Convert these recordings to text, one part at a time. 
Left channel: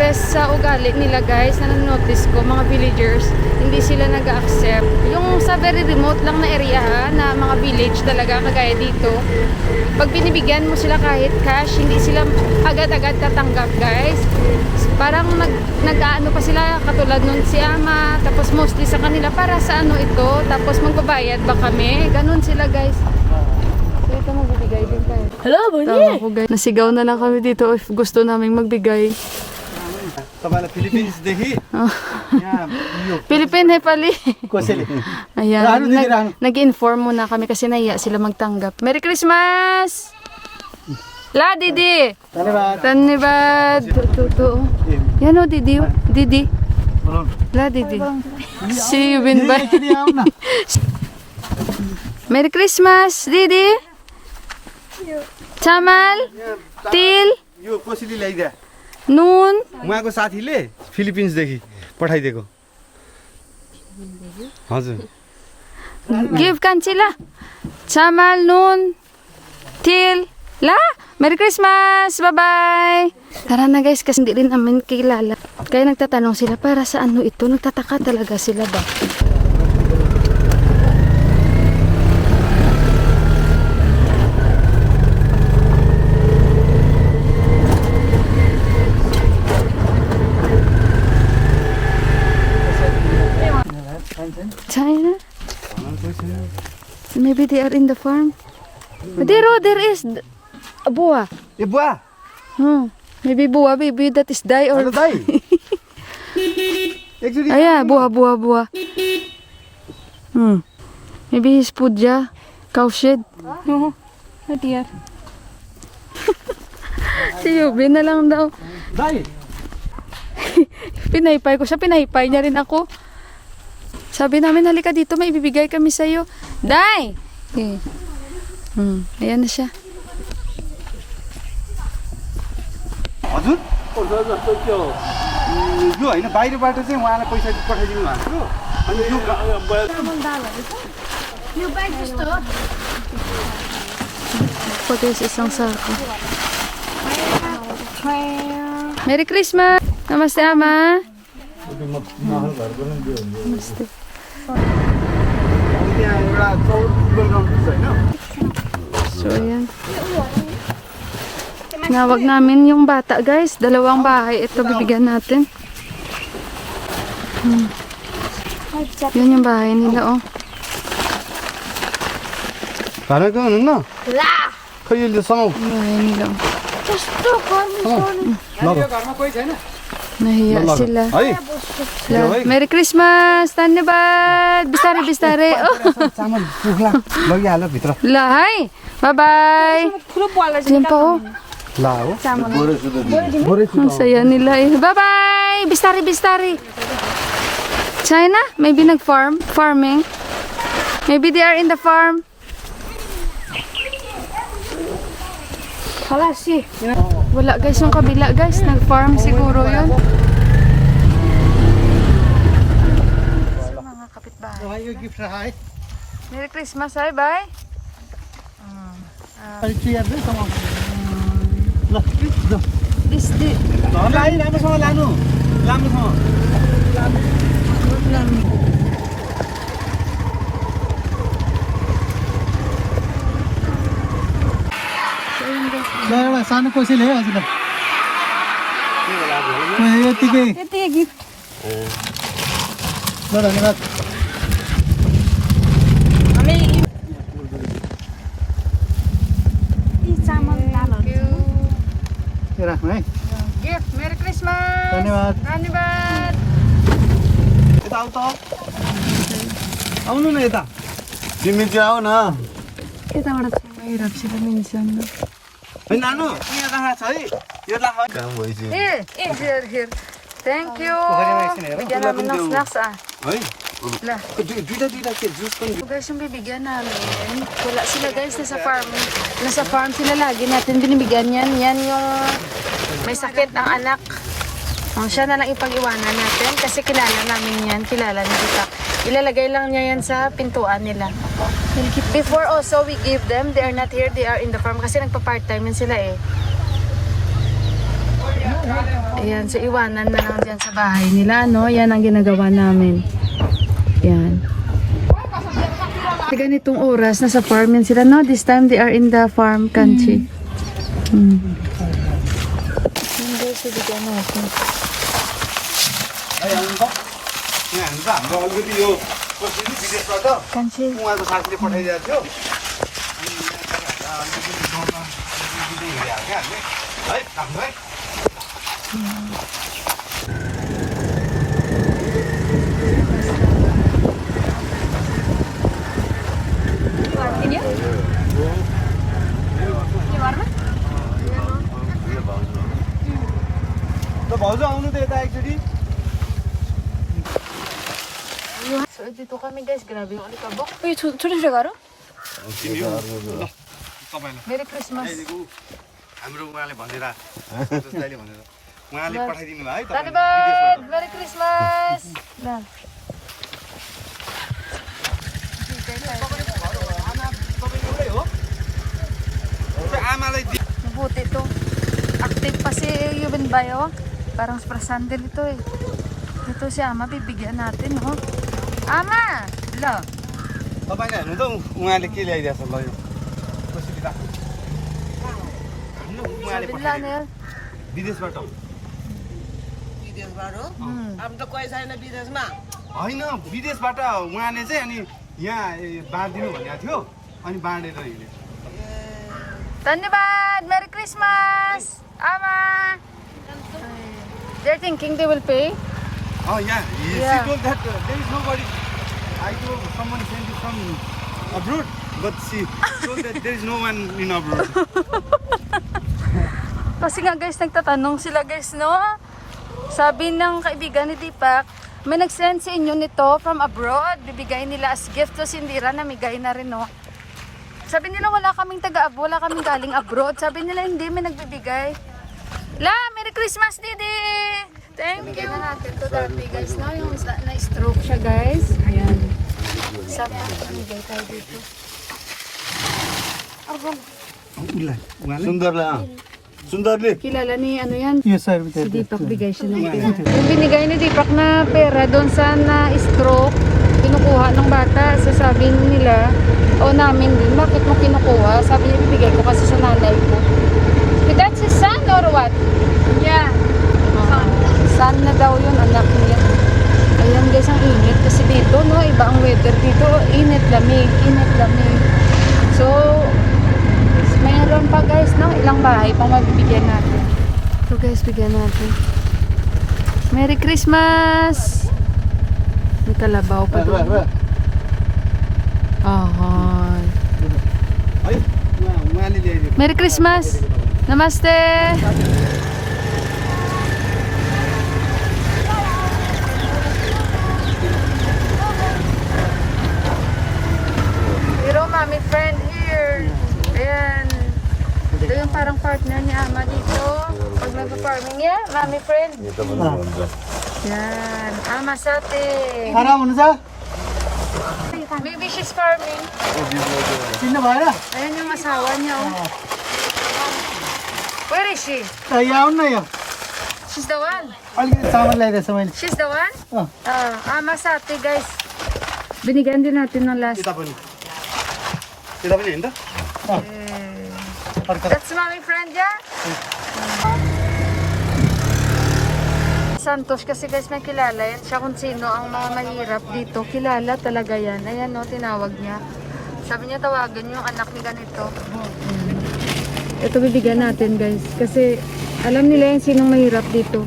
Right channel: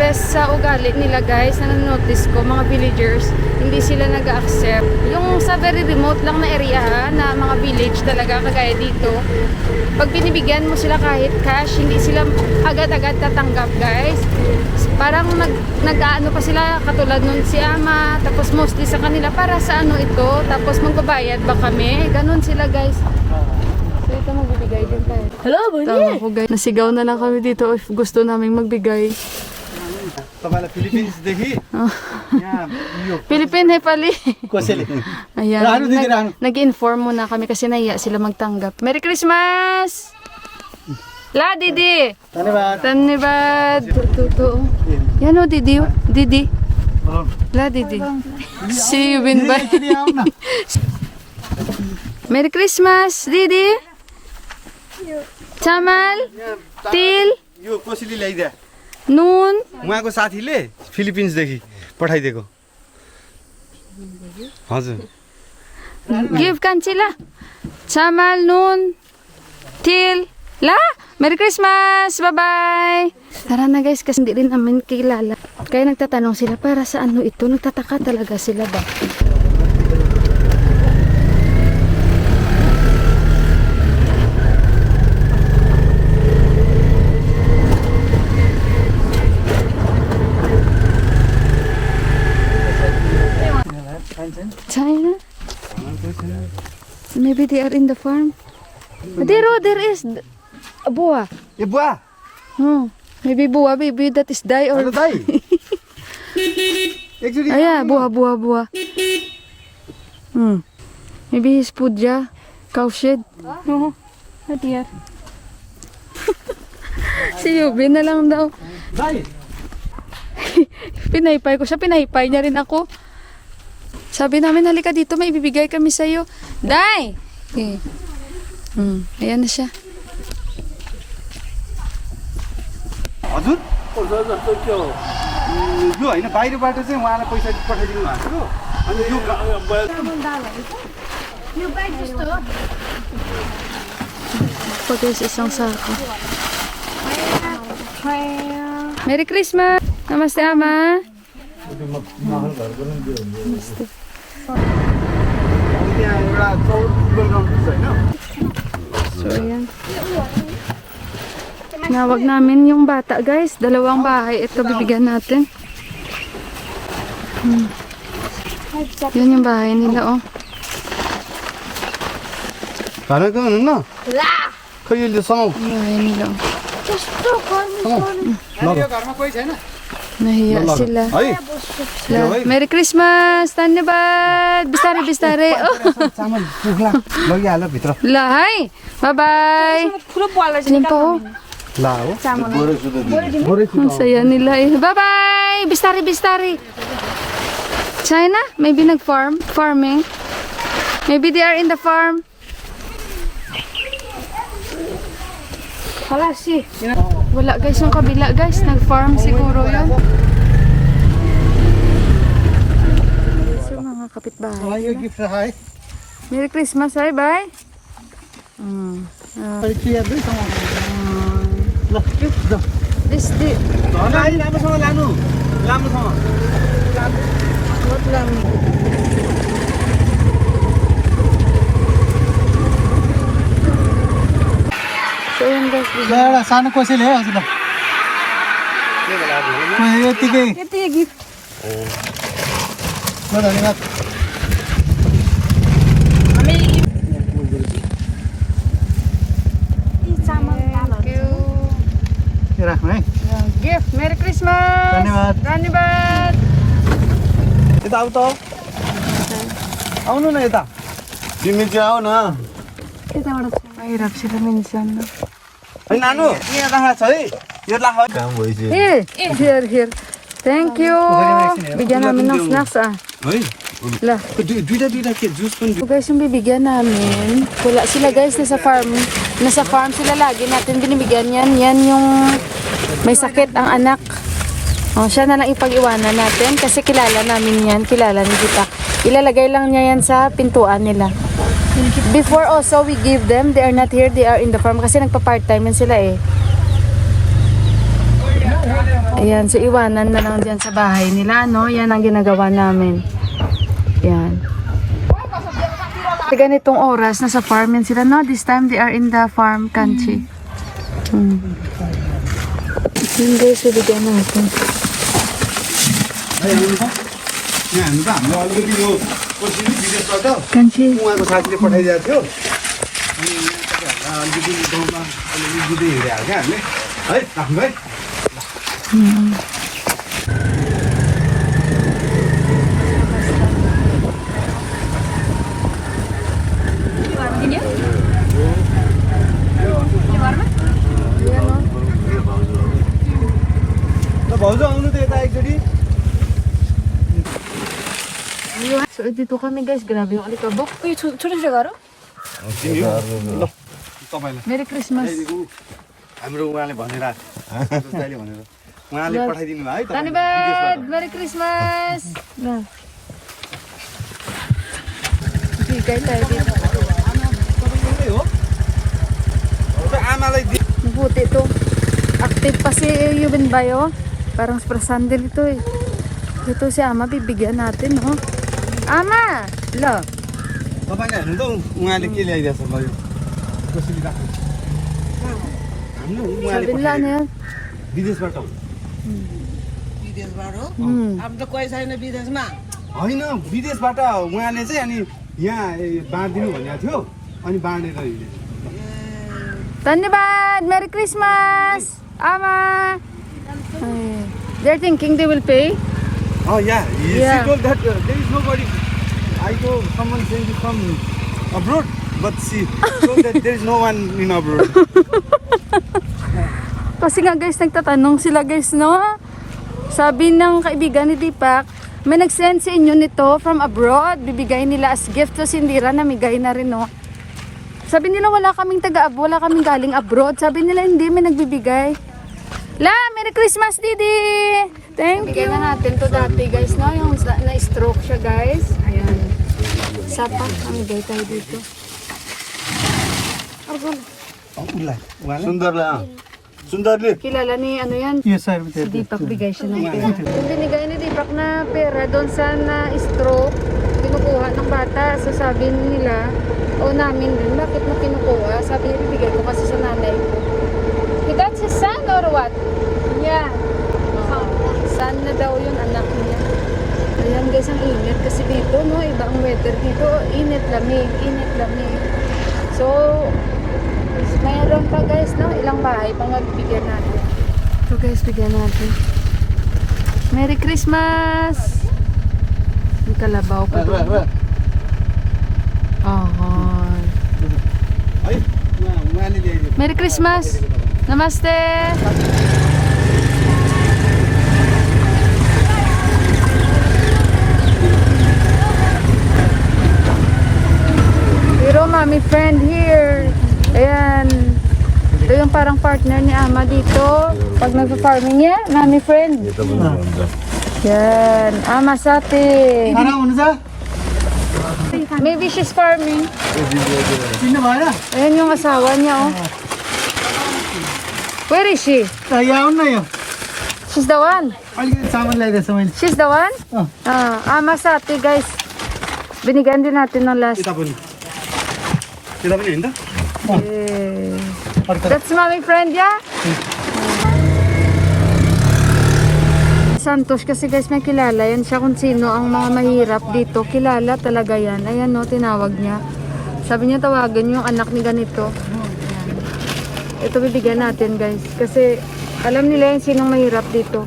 best sa ugali nila guys, na notice ko, mga villagers, hindi sila nag-accept. Yung sa very remote lang na area ha, na mga village talaga, kagaya dito, pag binibigyan mo sila kahit cash, hindi sila agad-agad tatanggap guys. Parang nag-ano pa sila, katulad nun si Ama, tapos mostly sa kanila, para sa ano ito, tapos magbabayad ba kami, ganun sila guys. So ito magbibigay din tayo. Hello, Tawa ko guys. Nasigaw na lang kami dito if gusto naming magbigay. Philippines देखि Philippine Nepali. कसैले Ayan. Nag-inform muna kami kasi nahiya sila magtanggap. Merry Christmas! La, Didi! धन्यवाद Tanibad! Totoo. Yan o, Didi. Didi. La, Didi. See you, Binbay. Merry Christmas, Didi. Chamal. Til. यो कसैले ल्याइदिया Noon. उहाँको साथीले फिलिपिन्स देखि पठाइदिएको हजुर Give Kanchila. Chamal, Noon. Til. La. Merry Christmas! Bye-bye! Tara na guys, kasi hindi rin namin kilala. Kaya nagtatanong sila para sa ano ito. Nagtataka talaga sila ba? China? Maybe they are in the farm. There is a buah. ए बुवा Maybe buah, baby that is die or... hello दाइ एकचोटि Ayan, buah. Maybe his pudja, cow shed. No, not here. Si Yubin na lang daw. Dai Pinaypay ko siya, pinaypay niya rin ako. Sabi namin, halika dito, may ibibigay kami sa'yo. Day! Okay. Ayan na siya. हजुर यो होइन बाहिरबाट चाहिँ उहाँलाई पैसा पठाइदिनु भएको अनि यो Pagkas isang sako. Merry Christmas! Namaste, Ama! Namaste. त्यहाँ एउटा चौर फुटबल ग्राउन्ड छ होइन So, ayan. Nawag namin yung bata, guys. 2 bahay. Ito, bibigyan natin. Yun yung bahay nila, oh. घरको हुनुहुन्न खै यो सँग Yung bahay nila, oh. ल Nahiya sila. है La, Merry Christmas! Tanibad! Bistari. Oh. चामल पुग्ला लगिहाल्यो भित्र La, hi! Bye-bye! Diyan pa, oh. ला हो Ang saya nila eh. Bye-bye! Bistari. China? Maybe farming. Maybe they are in the farm. Wala guys, yung kabila guys. Nag-farm siguro yun. So mga kapitbahay. Merry Christmas, hi, bye. This the लामोसँग लानु लामोसँग what lang? So yun guys. एउटा सानो कसैले है हजुरलाई यतिकै gift. धन्यवाद राख्नु है Gift. Merry Christmas. Dhanyabad. यता आऊ त आउनु न यता तिमी चाहिँ आऊ न Mahirap sila minsan. No? है नानु यहाँ राखा छ है यो राख काम भइसक्यो Here. Thank you. Bigyan namin ng snacks ah. है La. दुईटा के जुस पनि So guys, yung bibigyan namin, wala sila guys, nasa farm sila lagi natin binibigyan yan. Yan yung may sakit ang anak. Siya na lang ipag-iwanan natin kasi kilala namin yan, kilala ni Kita. Ilalagay lang niya yan sa pintuan nila. Before also we give them, they are not here, they are in the farm kasi nagpa-part-time yan sila eh. Ayan, so iwanan na lang dyan sa bahay nila, no? Yan ang ginagawa namin. Yan. Sa ganitong oras, nasa farm yan sila, no? This time, they are in the farm country. Yun guys, bibigyan natin. Country. उहाँको साथीले पठाइदिएको थियो अनि अलिकति गाउँमा अलिकति दिँदै हिँडेको क्या हामीले है आफ्नो है भाउजू आउनु त यता एकचोटि So, dito kami guys. Grabe yung alikabok. Uy, sulit siya garo? ल तपाईँलाई Merry Christmas. हाम्रो उहाँले भनेर दाइले भनेर उहाँले पठाइदिनु भयो है Tanibad! Merry Christmas! Na. Bigay tayo dito. तपाईँ एउटै हो आमालाई Mabuti ito. Active pa si Yuben Bayo. Parang sprasandel ito eh. Ito si Ama, bibigyan natin, no? Ama! Lo! तपाईँले हेर्नु त उहाँले के ल्याइदिएको छ ल कसरी राख्नु हाम्रो उहाँले Sabi nila na yan. विदेशबाट विदेशबाट हो Hmm. अब त कोही छैन विदेशमा होइन विदेशबाट उहाँले चाहिँ अनि यहाँ बाँडिदिनु भनेको थियो अनि बाँडेर हिँडे Tanibad! Merry Christmas! Ama! Ay, they're thinking they will pay. Yeah, Yeah. she told that there is nobody. I told someone sent you from abroad, but she told that there is no one in abroad. Kasi nga guys, nagtatanong sila guys, no? Sabi ng kaibigan ni Deepak, may nag-send sa inyo nito from abroad. Bibigay nila as gift to Sindira, namigay na rin, no? Sabi nila wala kaming wala kaming galing abroad. Sabi nila hindi, may nagbibigay. La, Merry Christmas, Didi! Thank you! Bigay na natin to dati guys, no? Yung na-stroke siya guys. Ayan. Sapat, namigay tayo dito. सुन्दरले Kilala ni ano yan? Yes, sir. Si Deepak, bigay siya ng pera. Yung binigay ni Deepak na pera doon sa na-stroke, kinukuha ng bata. Sasabi nila, o namin din, bakit mo kinukuha? Sabi niya, bibigay ko kasi sa nanay ko. That's his son or what? Yeah. Son na daw yun, anak niya. Ayan guys, ang init kasi dito, no? Iba ang weather dito. Init, lamig, init, lamig. So, mayroon pa guys, no? Ilang bahay pang mabibigyan natin. So guys, bigyan natin. Merry Christmas! May kalabaw pa doon. Ahon. है उहाँले ल्याइदियो Merry Christmas! Namaste! Pero mami friend here. Ayan. Ito yung parang partner ni Ama dito. Pag nagpa-farming niya, mami friend. Yan. Ama sate. खाना हुनुहुन्छ Maybe she's farming. चिन्नु भएन Ayan yung asawa niya, oh. Where is she? यहाँ आउनु न यो She's the one. अलिकति चामल ल्याइदिएछ मैले She's the one? Ama sate, guys. Binigyan din natin ng last. यता पनि होइन त That's mommy friend, yeah? Santos kasi guys, may kilala yan siya kung sino ang mga mahirap dito. Kilala talaga yan. Ayan no, tinawag niya. Sabi niya tawagan yung anak ni ganito. Ito bibigyan natin guys. Kasi alam nila yung sinong mahirap dito.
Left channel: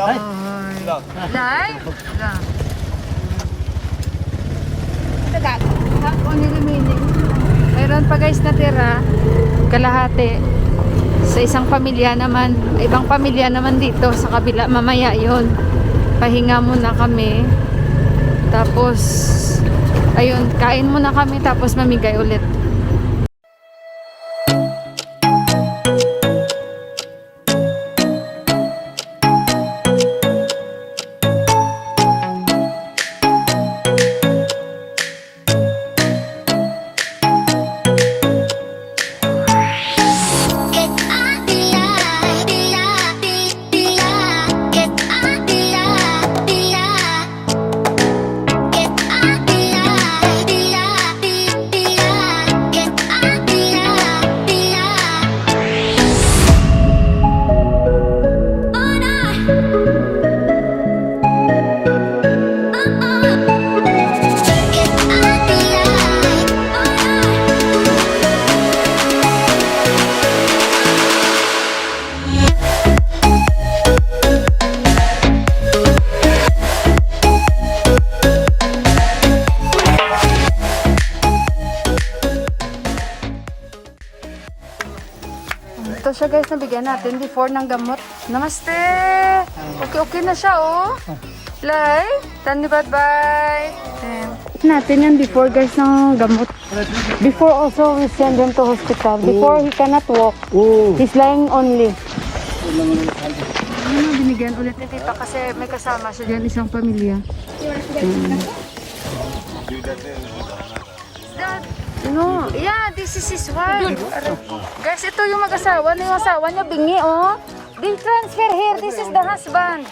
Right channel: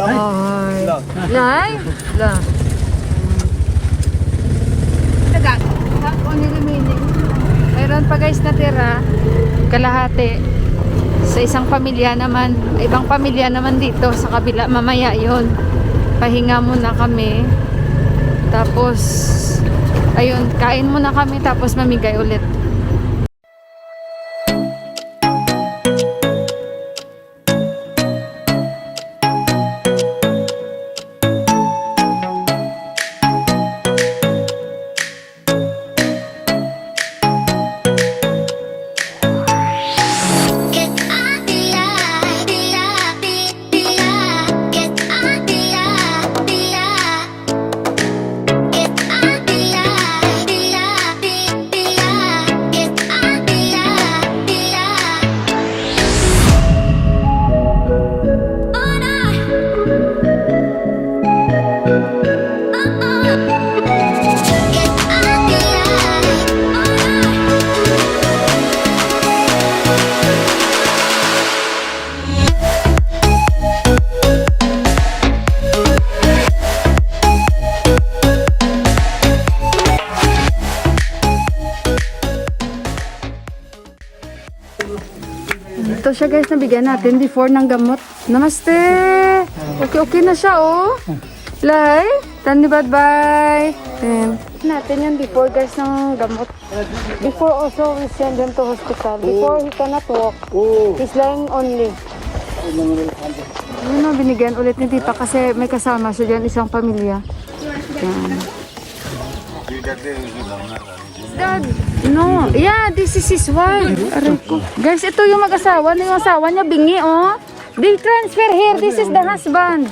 Ay. Lai? La. Ako ni remaining. Mayroon pa guys natira. Kalahati. Sa isang pamilya naman. Ibang pamilya naman dito. Sa kabila. Mamaya yon. Pahinga muna kami. Tapos ayun, kain muna kami. Tapos mamigay ulit. Que siya guys, nabigyan natin before ng gamot. Namaste! Okay na siya oh. Lay, tani bye-bye. Natin yan before guys ng gamot. Before also we send him to hospital. Before he cannot walk. He's lying only. Yun ang binigyan ulit ni Tita kasi may kasama siya dyan, isang pamilya. Dad, no. Yeah, this is his wife. Aray ko. Guys, ito yung mag-asawa. Yung asawa niya bingi, oh. They transfer here. This is the husband.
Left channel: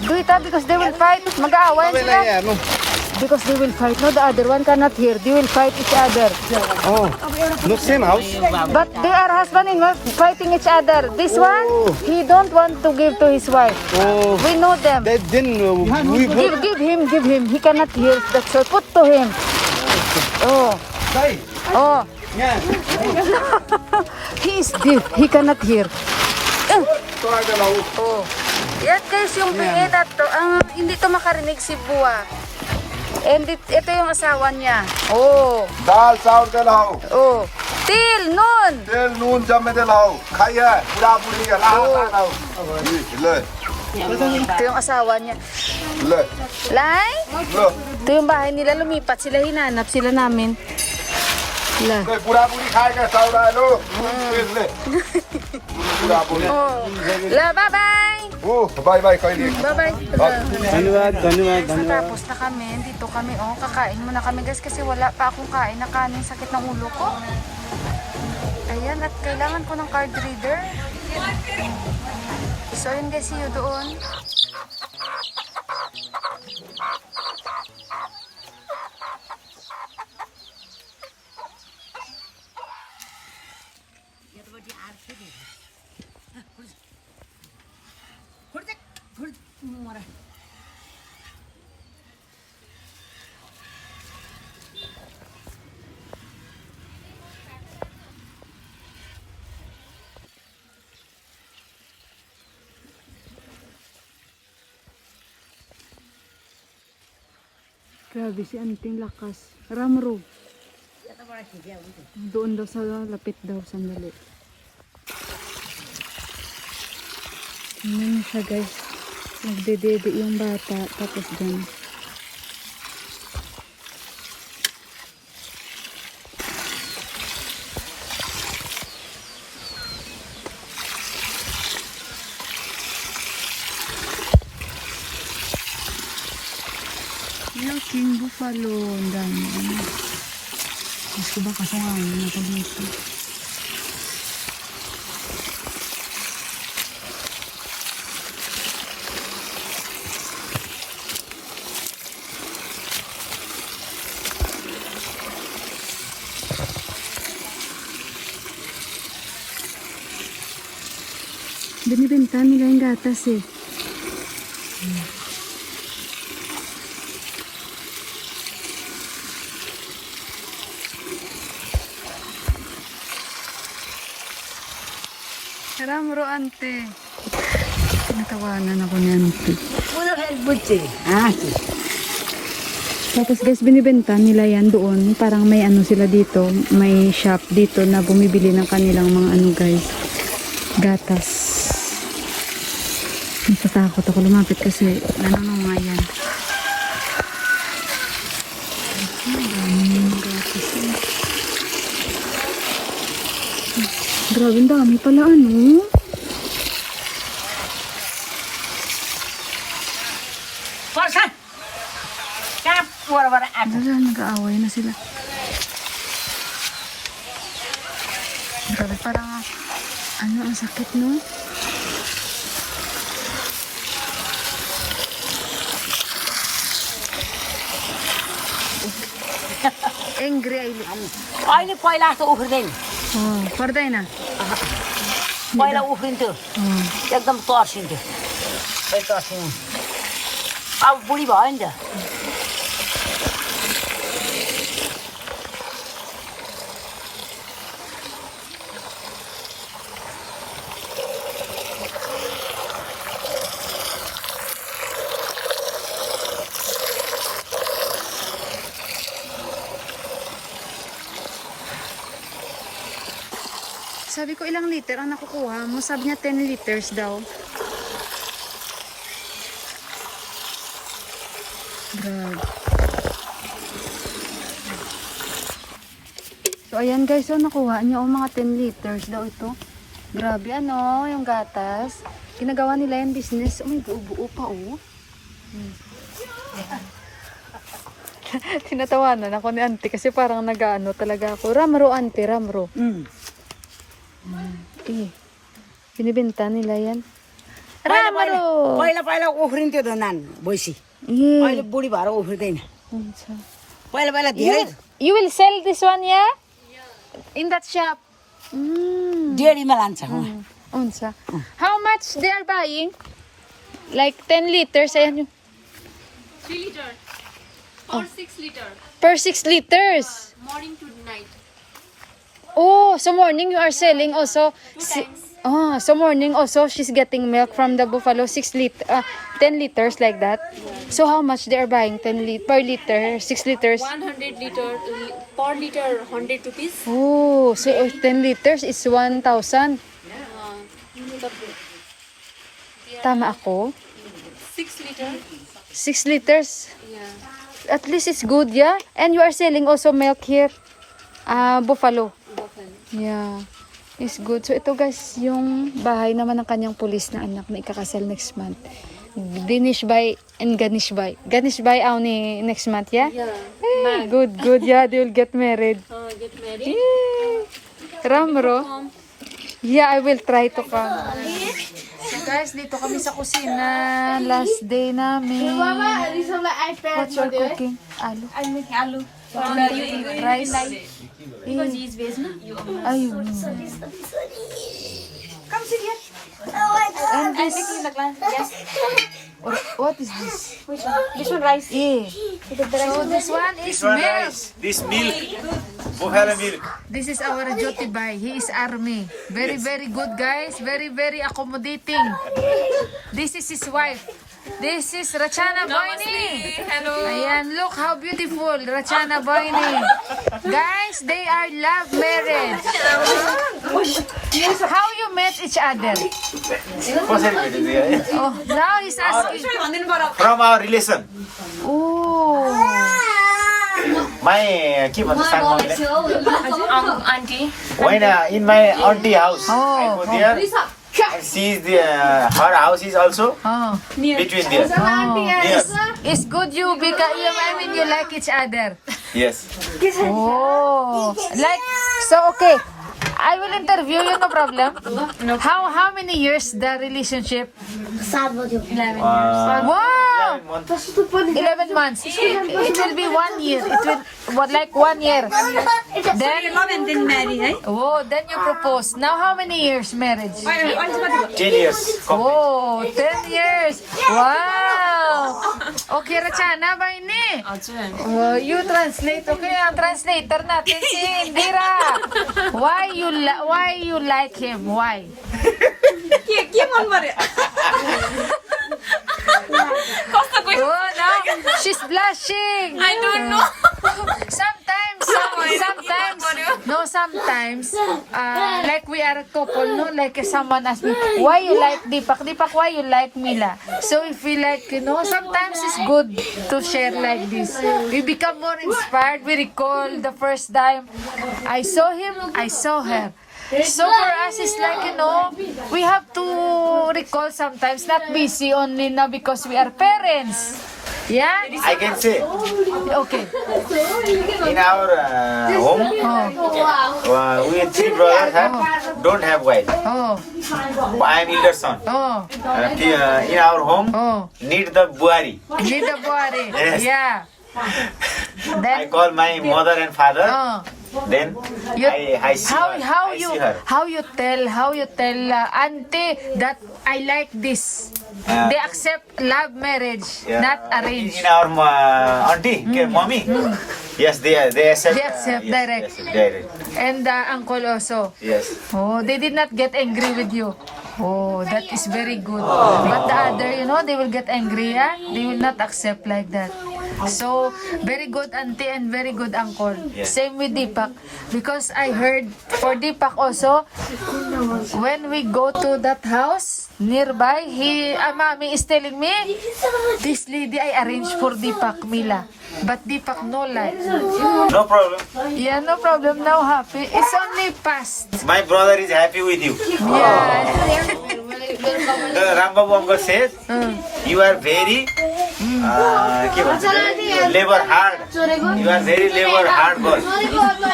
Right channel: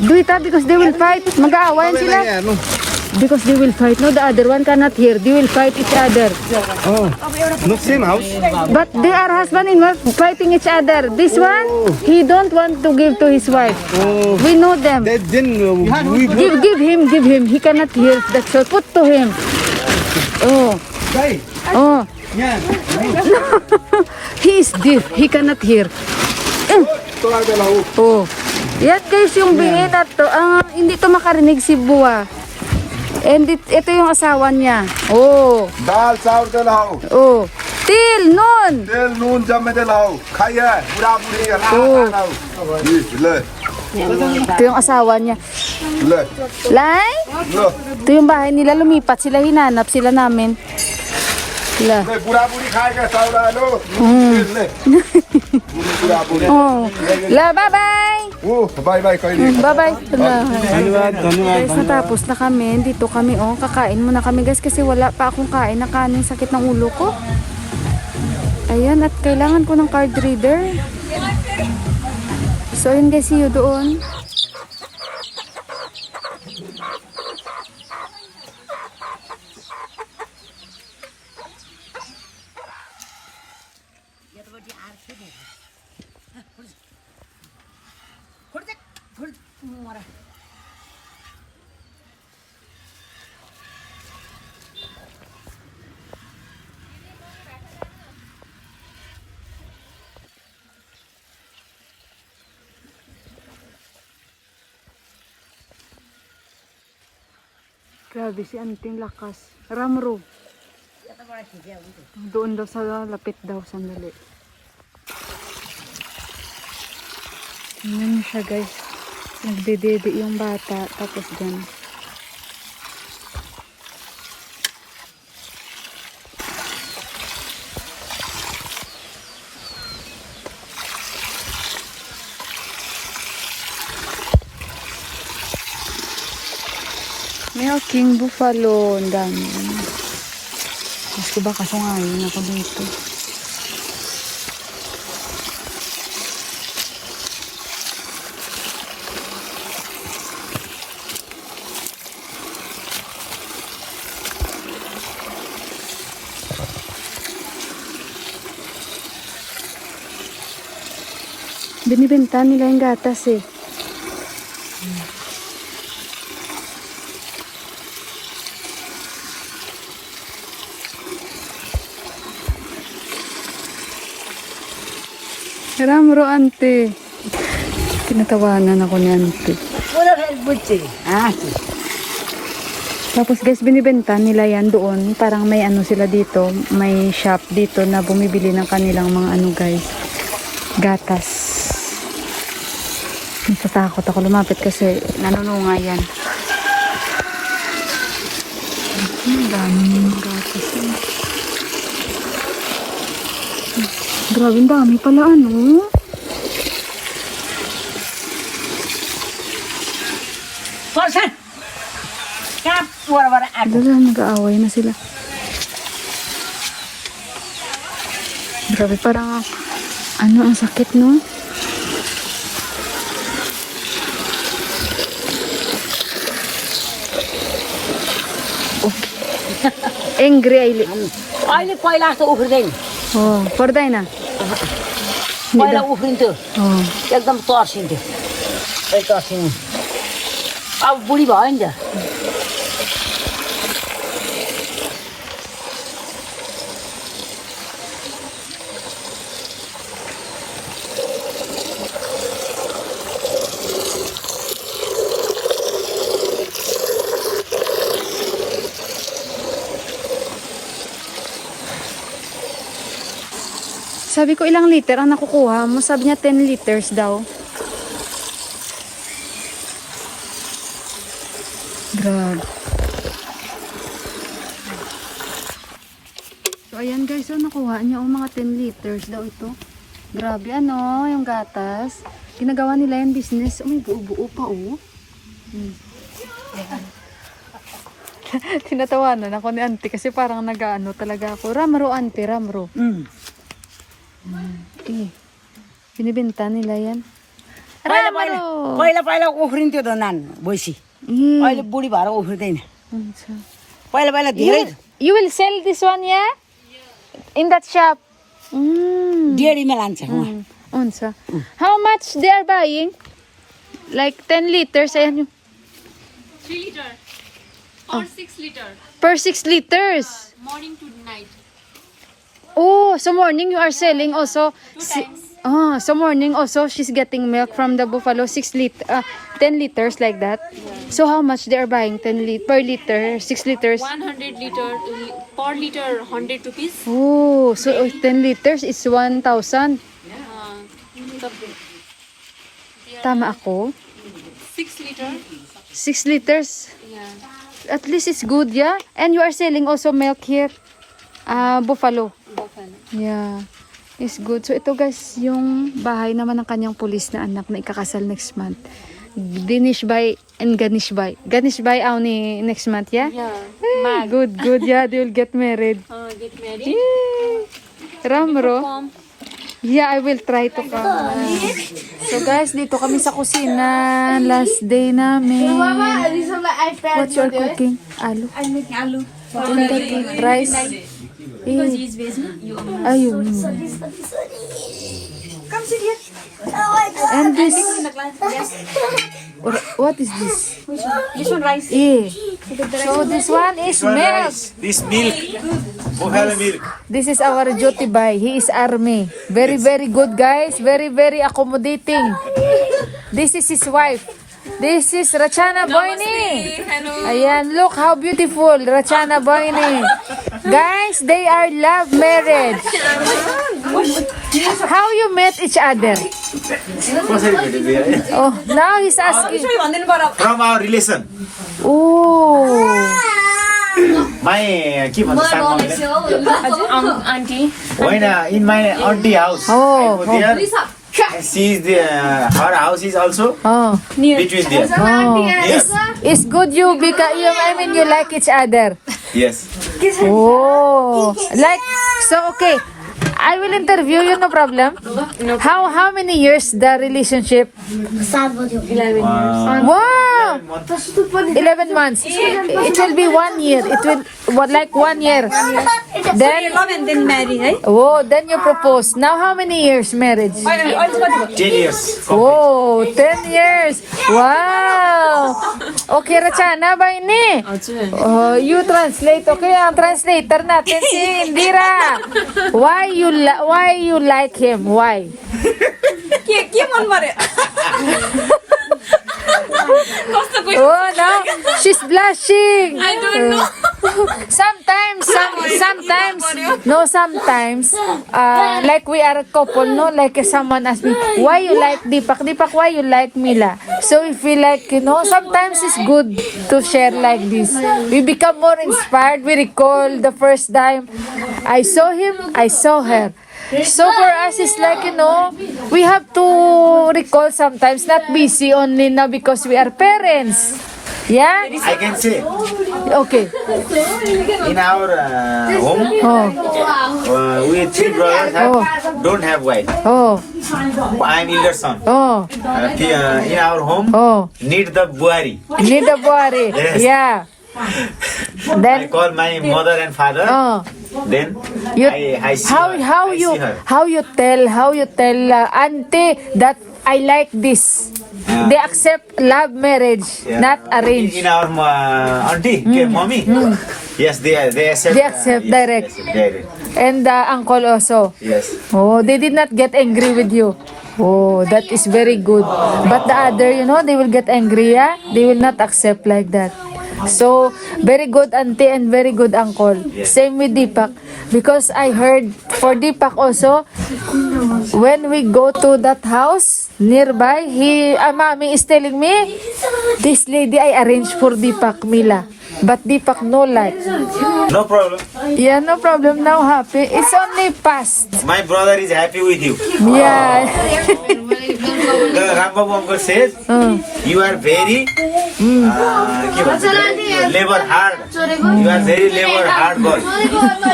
Do it because they will fight. Mag-aawayan sila. Because they will fight. No, the other one cannot hear. They will fight each other. Oh, not same house. But they are husband and wife fighting each other. This one, he don't want to give to his wife. We know them. Then we Give him. He cannot hear. That's all. Put to him. Oh. Oh. He is deaf. He cannot hear. Oh. Yan guys yung bingin na to. Hindi to makarinig si Buwa. And ito yung asawa niya. Oh. दाल चावल दे लाओ Oh. Til, nun. तेल नून जमे दे लाओ खाइए बुढ़ा बुढ़ी ला लाओ ले Ito yung asawa niya. ले Lai? लो Ito yung bahay nila. Lumipat sila. Hinanap sila namin. Sila. ले बुढ़ा बुढ़ी खाएगा चावल लो ले बुढ़ा बुढ़ी Oh. La, bye-bye. Bye bye कोई नहीं Bye-bye. धन्यवाद Guys, natapos na kami. Dito kami, oh. Kakain muna kami, guys, kasi wala pa akong kain na kanin. Sakit ng ulo ko. Ayan, at kailangan ko ng card reader. So, ayun guys, see you doon. Grabe si Anting lakas. Ramro. Doon daw sa lapit daw sandali. Ayan siya guys. Nagdedede yung bata. Tapos gan. May king buffalo. Ang dami. Mas ko ba kasungayon ako dito. Binibenta nila yung gatas eh. Ramro, ante. Tinatawanan ako ni ante. Tapos guys, binibenta nila yan doon. Parang may ano sila dito. May shop dito na bumibili ng kanilang mga ano guys. Gatas. Natatakot ako lumapit kasi nanununga yan. Ang daming gatas. Grabe, ang dami pala ano. Dala, nag-aaway na sila. Grabe, parang ano, ang sakit, no? Angry Aili. अहिले पहिला जस्तो उफ्रिँदैन Oh, पर्दैन. पहिला उफ्रिन्थ्यो Oh. एकदम तर्सिन्थ्यो तर्सिनु अब बुढी भयो नि त Sa Sabi ko, ilang liter ang nakukuha mo? Sabi niya, 10 liters daw. Grabe. So, ayan guys, so nakuha niyo mga 10 liters daw ito. Grabe, ano, yung gatas. Ginagawa nila yung business. Ay, buo-buo pa, oh. Yan. Tinatawanan ako ni auntie kasi parang nag-ano talaga ako. Ramro, auntie, ramro. Binibenta nila yan. Ramro! पहिला उफ्रिन्थ्यो त नान भैँसी Mm. अहिले बुढी भएर उफ्रिँदैन Unsa? पहिला धेरै You will sell this one, yeah? In that shop? डेढीमा लान्छ Unsa? How much they are buying? Like 10 liters? Ayan. 3 liter or 6 liter Per 6 liters. morning to night. Oh, so morning you are selling also. Oh, so morning also she's getting milk from the buffalo 10 liters like that. So how much they are buying per liter, 6 liters? 100 liter per liter 100 rupees. Oh, so 10 liters is 1,000. Tama ako? 6 liter. 6 liters. Yeah. At least it's good, yeah? And you are selling also milk here. Buffalo. Yeah. It's good. So ito guys, yung bahay naman ng kanyang pulis na anak na ikakasal next month. Dinishbay and Ganishbay. Ganishbay ni next month, yeah? Yeah. Ay, good, yeah. They will get married. Get married. Ramro. Yeah, I will try to come. So guys, dito kami sa kusina. Last day namin. What you are cooking? Alu. I make aloo. Rice. Ayun. And this. What is this? This one rice. Yeah. So this one is milk. This milk, buffalo milk. This is our duty boy. He is army. Very, very good guys. Very, very accommodating. This is his wife. This is Rachana Boyni. Hello. Ayan, look how beautiful. Rachana Boyni. Guys, they are love marriage. How you met each other? Oh, now he's asking. From our relation. Oh. My के भन्छ सानो Auntie. होइन in my auntie house. Oh, I go there. She is her house is also Oh. between there. Oh. Yes. It's good you because you like each other. Yes. Oh. Like so okay. I will interview you, no problem. How many years the relationship? 11 years. Wow! 11 months. It will be 1 year. It will like 1 year. Then Love and then marry, right? oh, then you propose. Now how many years marriage? 10 years. Oh, 10 years. Wow. Okay, Rachana ba ini? Oh, you translate. Okay, ang translator natin si Indira. Why you like him? Why? Oh no, she's blushing. I don't know. Sometimes, like we are a couple, no, like someone asked me, why you like Deepak, why you like Mila? So we feel like, sometimes it's good to share like this. We become more inspired. We recall the first time I saw him, I saw her. So for us, it's like, we have to recall sometimes, not busy only now because we are parents. Yeah? I can say Okay. in our home, Oh, we 3 brothers don't have wife. oh, I am elder son. oh, In our home, oh. need the buari. Need a body. Yes. Yeah. I Then, call my mother and father. oh. Then You, I see how her. how I you see her. how you tell auntie that I like this. They accept love marriage, Yeah. not arranged. In our auntie, mommy. Yes, they accept. They accept direct. Yes, direct. And uncle also. Yes. Oh, they did not get angry with you. Oh, that is very good. But the other, they will get angry, yeah? They will not accept like that. So, very good auntie and very good uncle. Yes. Same with Deepak. Because I heard for Deepak also, when we go to that house nearby, mommy is telling me, this lady I arranged for Deepak Mila. But Deepak no like. No problem. Yeah, no problem. Now happy. It's only past. My brother is happy with you. Yeah. The Rambabu uncle says, you are very labor hard. You are very labor hard girl.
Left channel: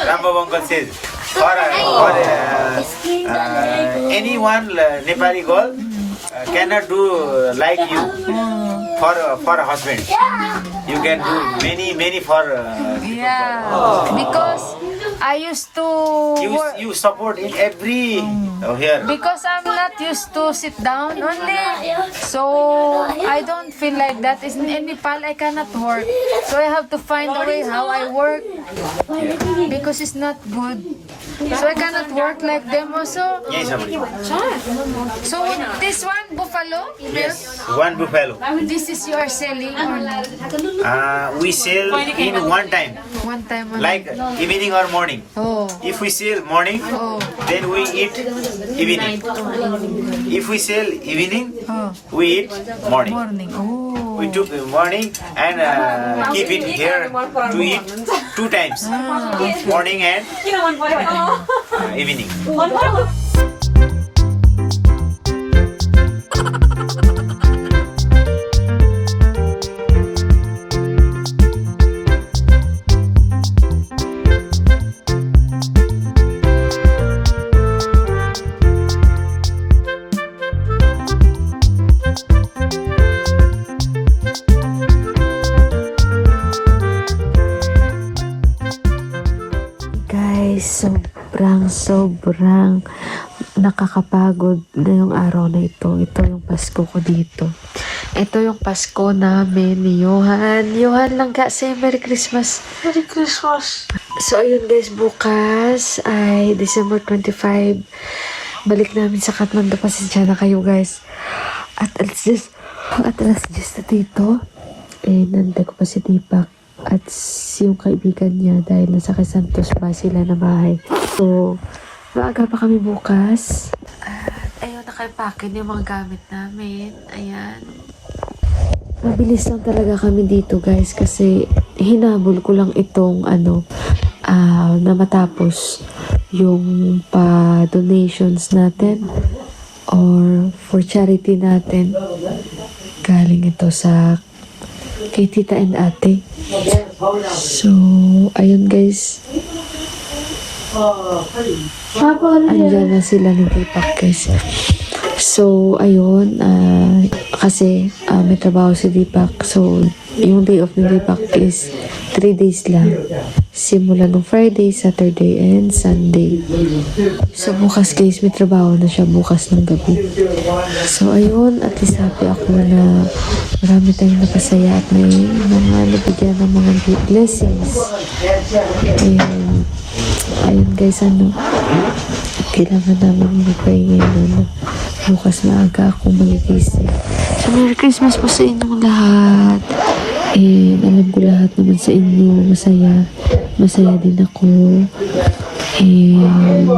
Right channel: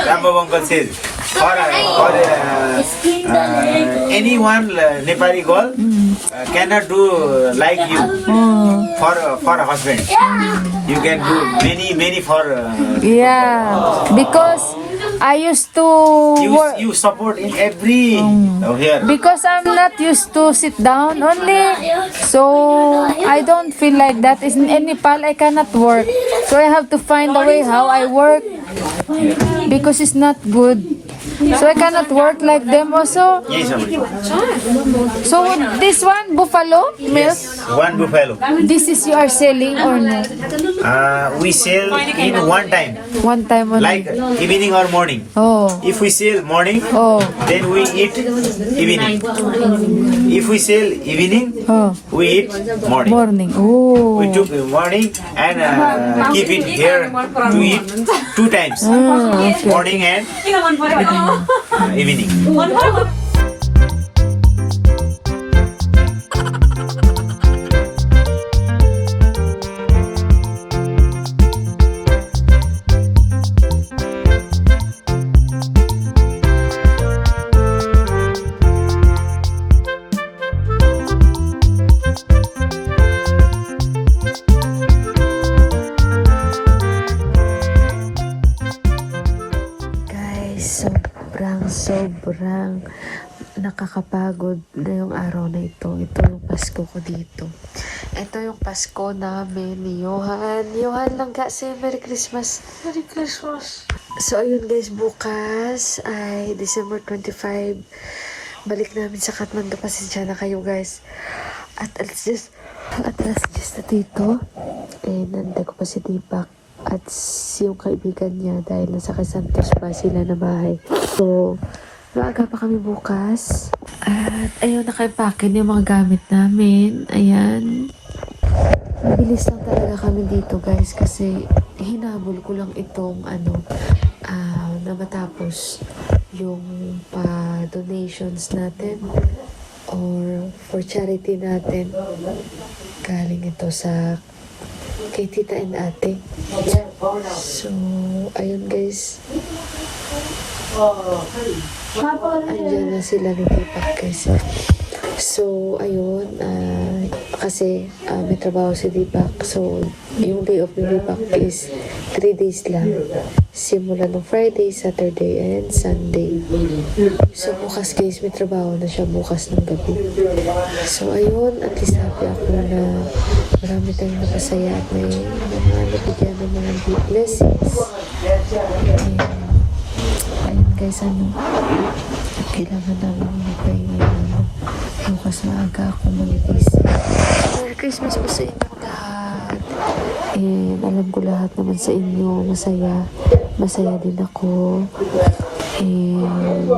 Rambabu uncle says, for anyone Nepali girl cannot do like you for a husband. You can do many for. Yeah. Because I used to work. You support in every here. Because I'm not used to sit down only, so I don't feel like that. In Nepal, I cannot work, so I have to find a way how I work because it's not good. So I cannot work like them also. Yes, Amri. So this one buffalo milk. One buffalo. This is you are selling or no? We sell in one time, One time only. like evening or morning. Oh. If we sell morning, Oh. then we eat evening. If we sell evening, Oh. we eat morning. Morning. Oh. We took morning and keep it here to eat 2 times, Okay. morning and evening. Guys, sobrang nakakapagod ngayong araw na ito. Ito yung Pasko ko dito. Ito yung Pasko namin ni Johan. Johan lang kasi, Merry Christmas. Merry Christmas. So, ayun guys, bukas ay December 25. Balik namin sa Kathmandu. Pasensya na kayo guys. At alas 10 na dito. Nanda ko pa si Deepak at yung kaibigan niya dahil nasa Santos pa sila na bahay. So, maaga pa kami bukas. At ayun, nakaipakin yung mga gamit namin. Ayan. Mabilis lang talaga kami dito guys kasi hinabol ko lang itong na matapos yung pa-donations natin or for charity natin. Galing ito sa kay tita and ate. So, ayun guys. Andyan na sila ni Deepak guys. So, ayun. Kasi may trabaho si Deepak. So, yung day off ni Deepak is 3 days lang. Simula ng Friday, Saturday, and Sunday. So, bukas guys, may trabaho na siya bukas ng gabi. So, ayun. At least happy ako na marami tayong napasaya at may mga nabigyan ng mga blessings. Ayun guys, kailangan namin mag-pray ngayon. Bukas maaga akong magigising. So, Merry Christmas po sa inyong lahat. And alam ko lahat naman sa inyo masaya. Masaya din ako. And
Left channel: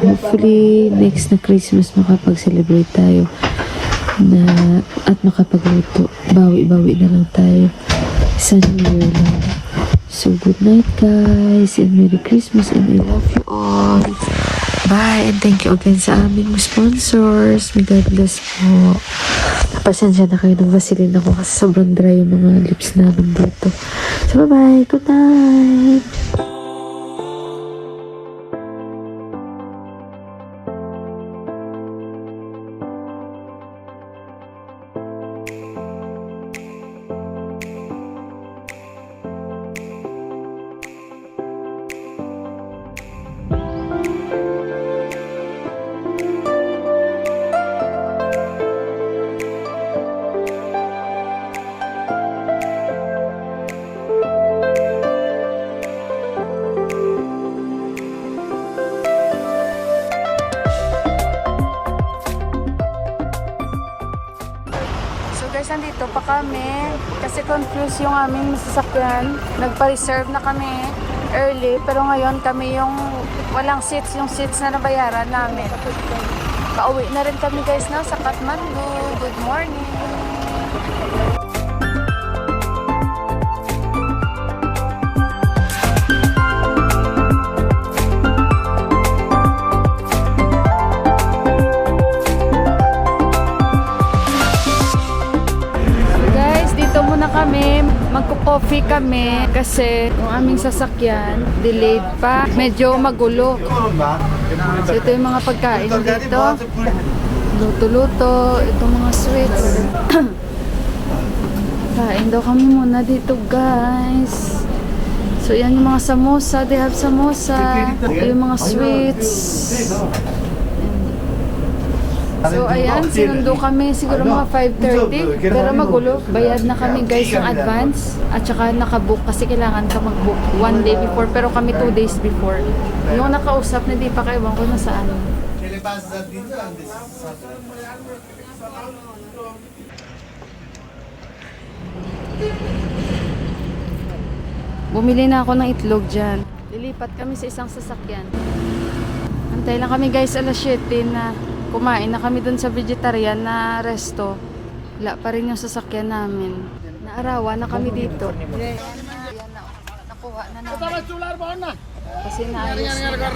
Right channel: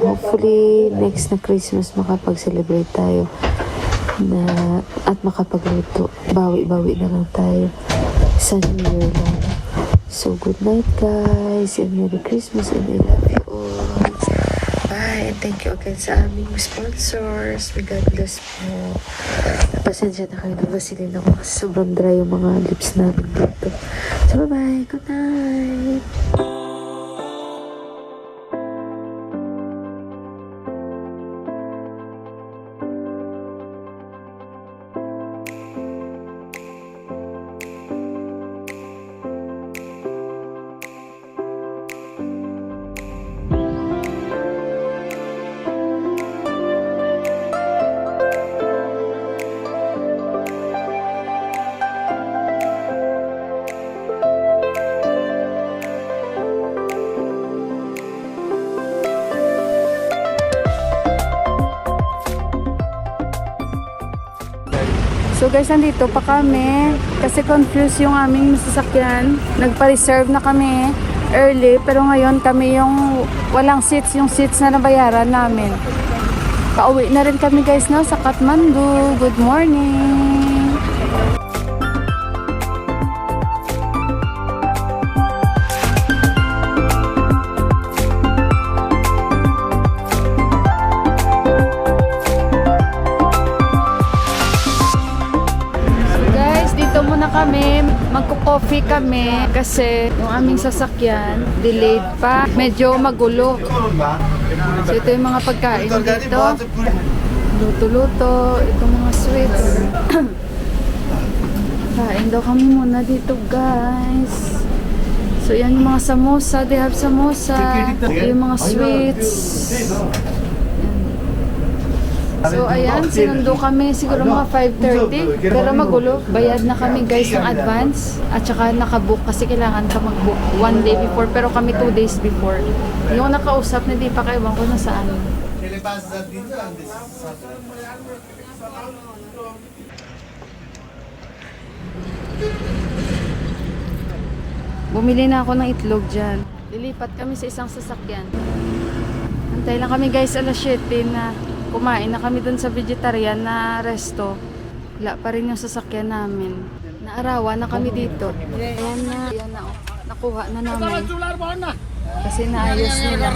hopefully next na Christmas makapag-celebrate tayo at makapagluto. Bawi-bawi na lang tayo sa New Year lang. So good night guys and Merry Christmas and I love you all. Bye and thank you again sa aming sponsors. May God bless po. Pasensya na kayo ng Vaseline ako kasi sobrang dry yung mga lips namin dito. So bye-bye. Good night. So guys, nandito pa kami kasi confused yung aming sasakyan. Nagpa-reserve na kami early pero ngayon kami yung walang seats, yung seats na nabayaran namin. Pauwi na rin kami guys na sa Kathmandu. Good morning! So guys, dito muna kami. Magko-coffee kami kasi yung aming sasakyan delayed pa. Medyo magulo. So ito yung mga pagkain dito. Luto-luto. Itong mga sweets. Kain daw kami muna dito guys. So yan yung mga samosa. They have samosa. Ito yung mga sweets. Yan. So ayan, sinundo kami siguro mga 5:30. Pero magulo. Bayad na kami guys ng advance. At saka nakabook kasi kailangan ka mag-book 1 day before. Pero kami 2 days before. Yung nakausap na di pa kaiwan ko na saan. Bumili na ako ng itlog dyan. Lilipat kami sa isang sasakyan. Antay lang kami guys alas 7 na kumain na kami dun sa vegetarian na resto. Wala pa rin yung sasakyan namin. Naarawan na kami dito. Ayan na. Ayan na. Oh. Nakuha na namin. Kasi naayos nila.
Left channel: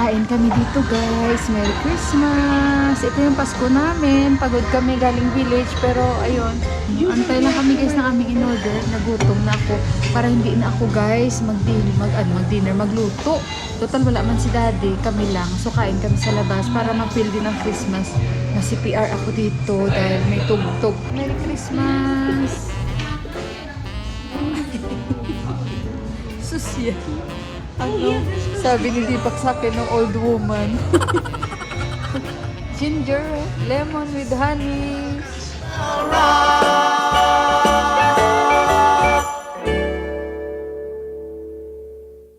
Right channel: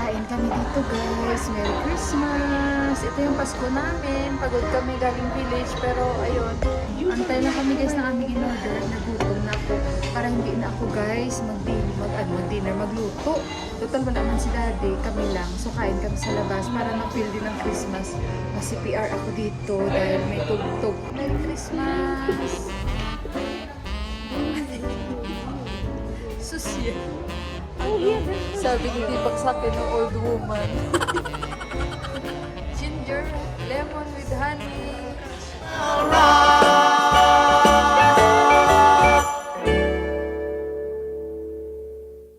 Kain kami dito guys. Merry Christmas! Ito yung Pasko namin. Pagod kami galing village pero ayun. Antay lang kami guys ng aming in-order. Nagutom na ako. Para hindi na ako guys mag-dinner, magluto. Total wala man si daddy. Kami lang. So kain kami sa labas para ma-feel din ang Christmas. Na CPR ako dito dahil may tugtog. Merry Christmas! Susya. Ano? Sabi ni Deepak sa akin ng old woman. Ginger, lemon with honey.